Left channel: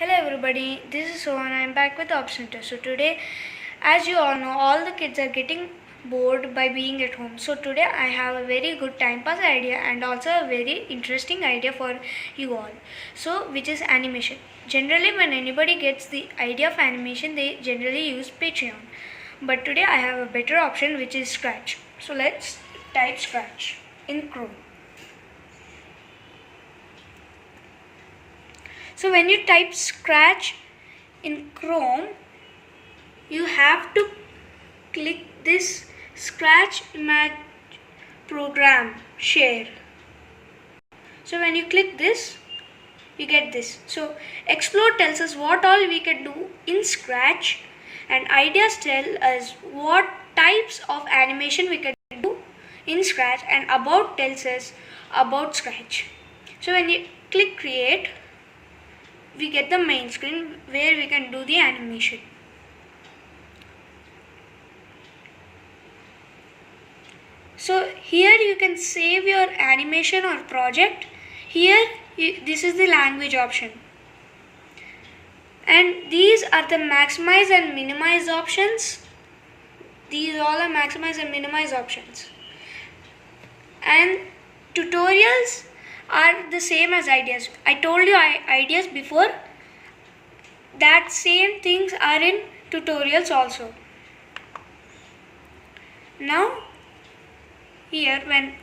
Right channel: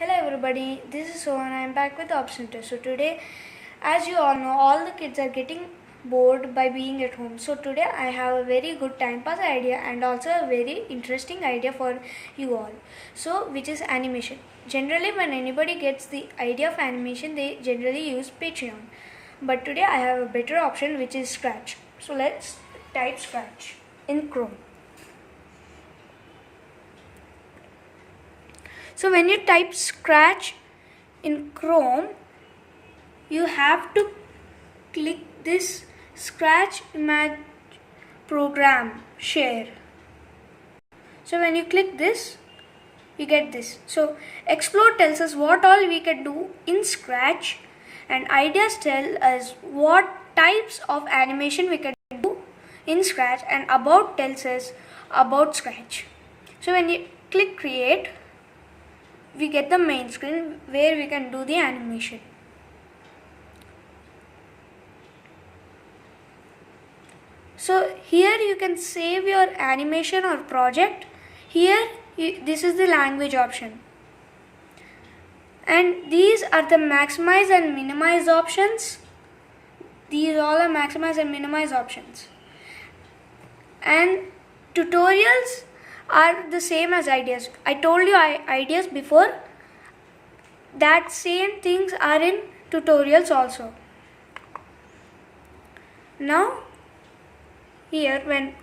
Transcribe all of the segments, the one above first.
Hello everybody, this is Sohan. I am back with the Option Test. So today, as you all know, all the kids are getting bored by being at home. So today I have a very good time pass idea and also a very interesting idea for you all. So which is animation. Generally when anybody gets the idea of animation, they generally use Patreon. But today I have a better option which is Scratch. So let's type Scratch in Chrome. So when you type Scratch in Chrome, you have to click this Scratch Image Program Share. So when you click this, you get this. So Explore tells us what all we can do in Scratch, and Ideas tell us what types of animation we can do in Scratch, and About tells us about Scratch. So when you click Create, we get the main screen where we can do the animation. So here you can save your animation or project. Here this is the language option. And these are the maximize and minimize options. These all are maximize and minimize options. And tutorials are the same as ideas. I told you ideas before. That same things are in tutorials also. Now here when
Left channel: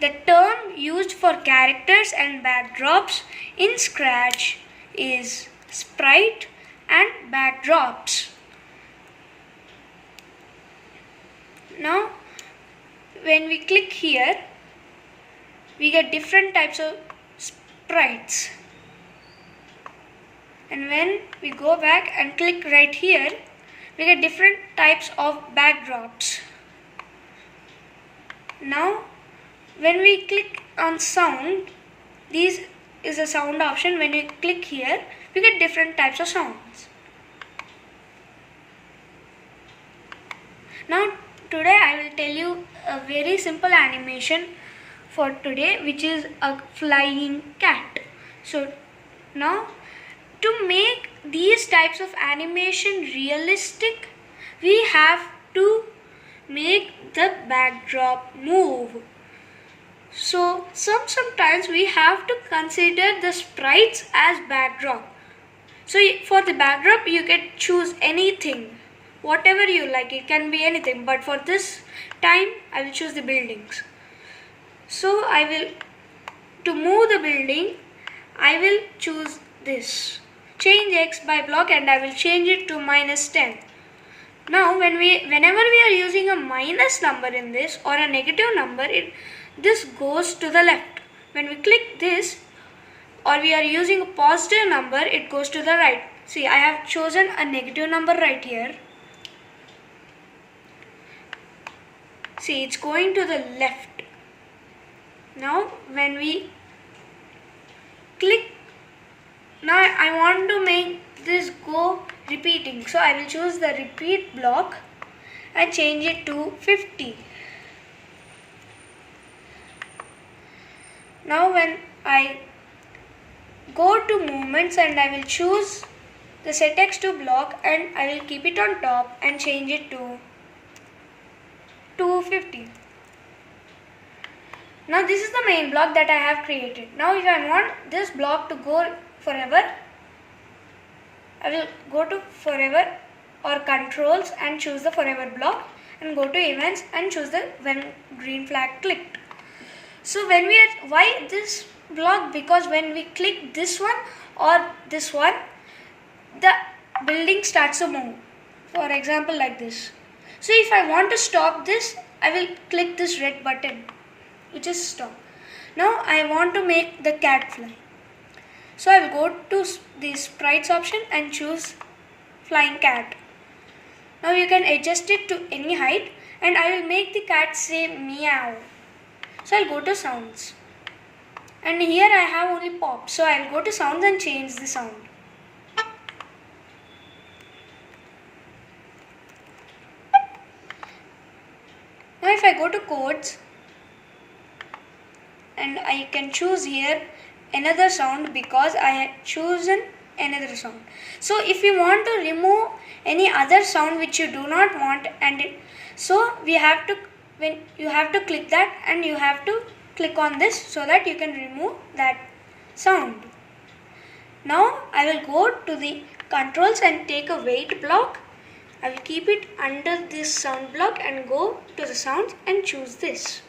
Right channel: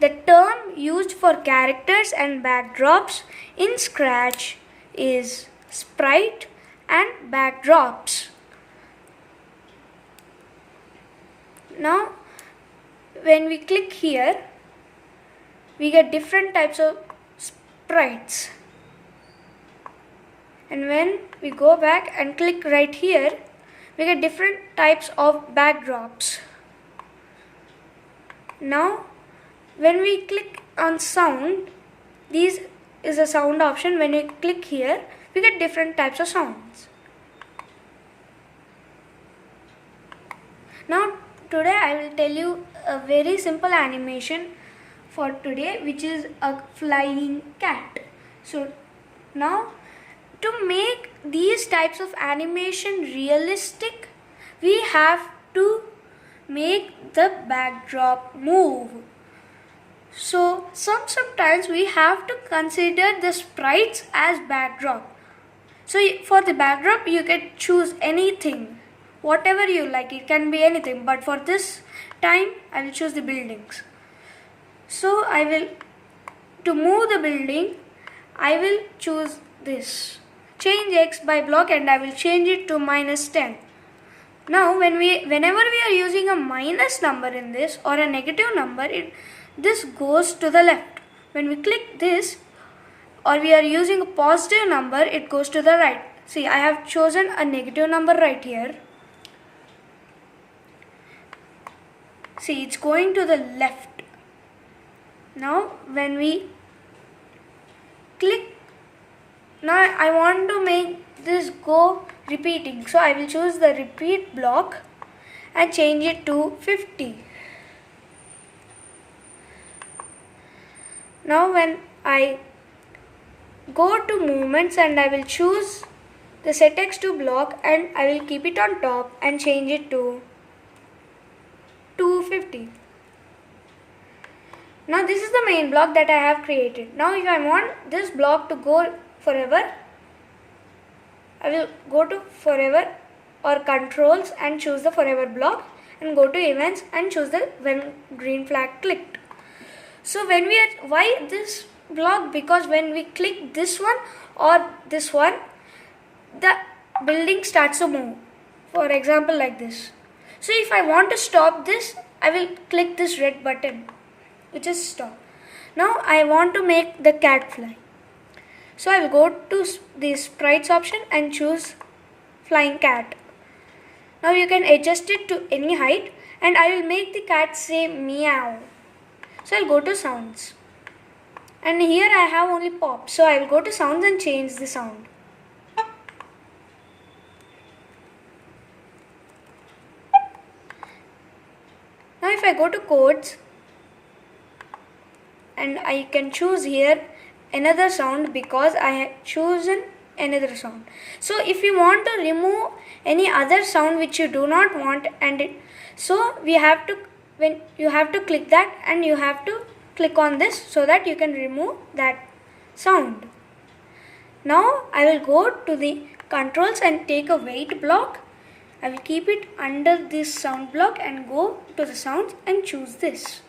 the term used for characters and backdrops in Scratch is sprite and backdrops. Now when we click here, we get different types of sprites. And when we go back and click right here, we get different types of backdrops. Now when we click on sound, this is a sound option. When we click here, we get different types of sounds. Now today I will tell you a very simple animation for today, which is a flying cat. So now to make these types of animation realistic, we have to make the backdrop move. So sometimes we have to consider the sprites as backdrop. So for the backdrop you can choose anything, whatever you like, it can be anything, but for this time I will choose the buildings. So to move the building, I will choose this. Change X by block and I will change it to -10. Now whenever we are using a minus number in this or a negative number, this goes to the left. When we click this or we are using a positive number, it goes to the right. See, I have chosen a negative number right here. See, it's going to the left. Now when we click, now I want to make this go repeating. So I will choose the repeat block and change it to 50. Now when I go to movements and I will choose the set X to block and I will keep it on top and change it to 250. Now this is the main block that I have created. Now if I want this block to go forever, I will go to forever or controls and choose the forever block and go to events and choose the when green flag clicked. So why this block? Because when we click this one or this one, the building starts to move. For example like this. So if I want to stop this, I will click this red button, which is stop. Now I want to make the cat fly. So I will go to the sprites option and choose flying cat. Now you can adjust it to any height and I will make the cat say meow. So I'll go to sounds. And here I have only pop. So I'll go to sounds and change the sound. Now if I go to codes, and I can choose here another sound because I had chosen another sound. So if you want to remove any other sound which you do not want, so we have to, when you have to click that and you have to click on this so that you can remove that sound. Now I will go to the controls and take a weight block. I will keep it under this sound block and go to the sounds and choose this.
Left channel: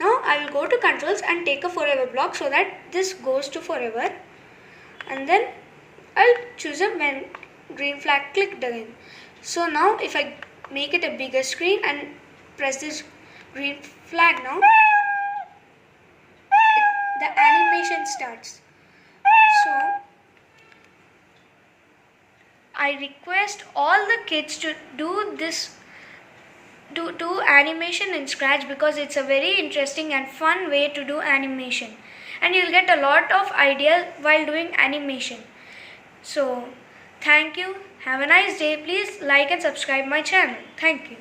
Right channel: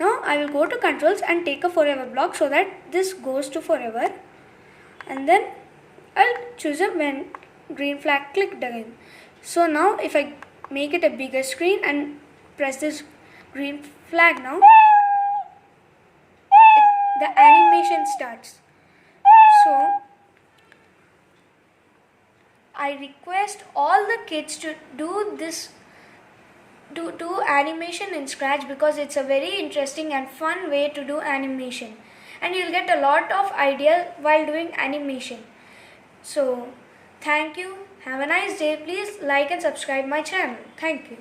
Now I will go to controls and take a forever block so that this goes to forever, and then I'll choose a when green flag clicked again. So now if I make it a bigger screen and press this green flag now, the animation starts. So I request all the kids to do this, do animation in Scratch, because it's a very interesting and fun way to do animation, and you'll get a lot of ideas while doing animation. So thank you. Have a nice day. Please like and subscribe my channel. Thank you.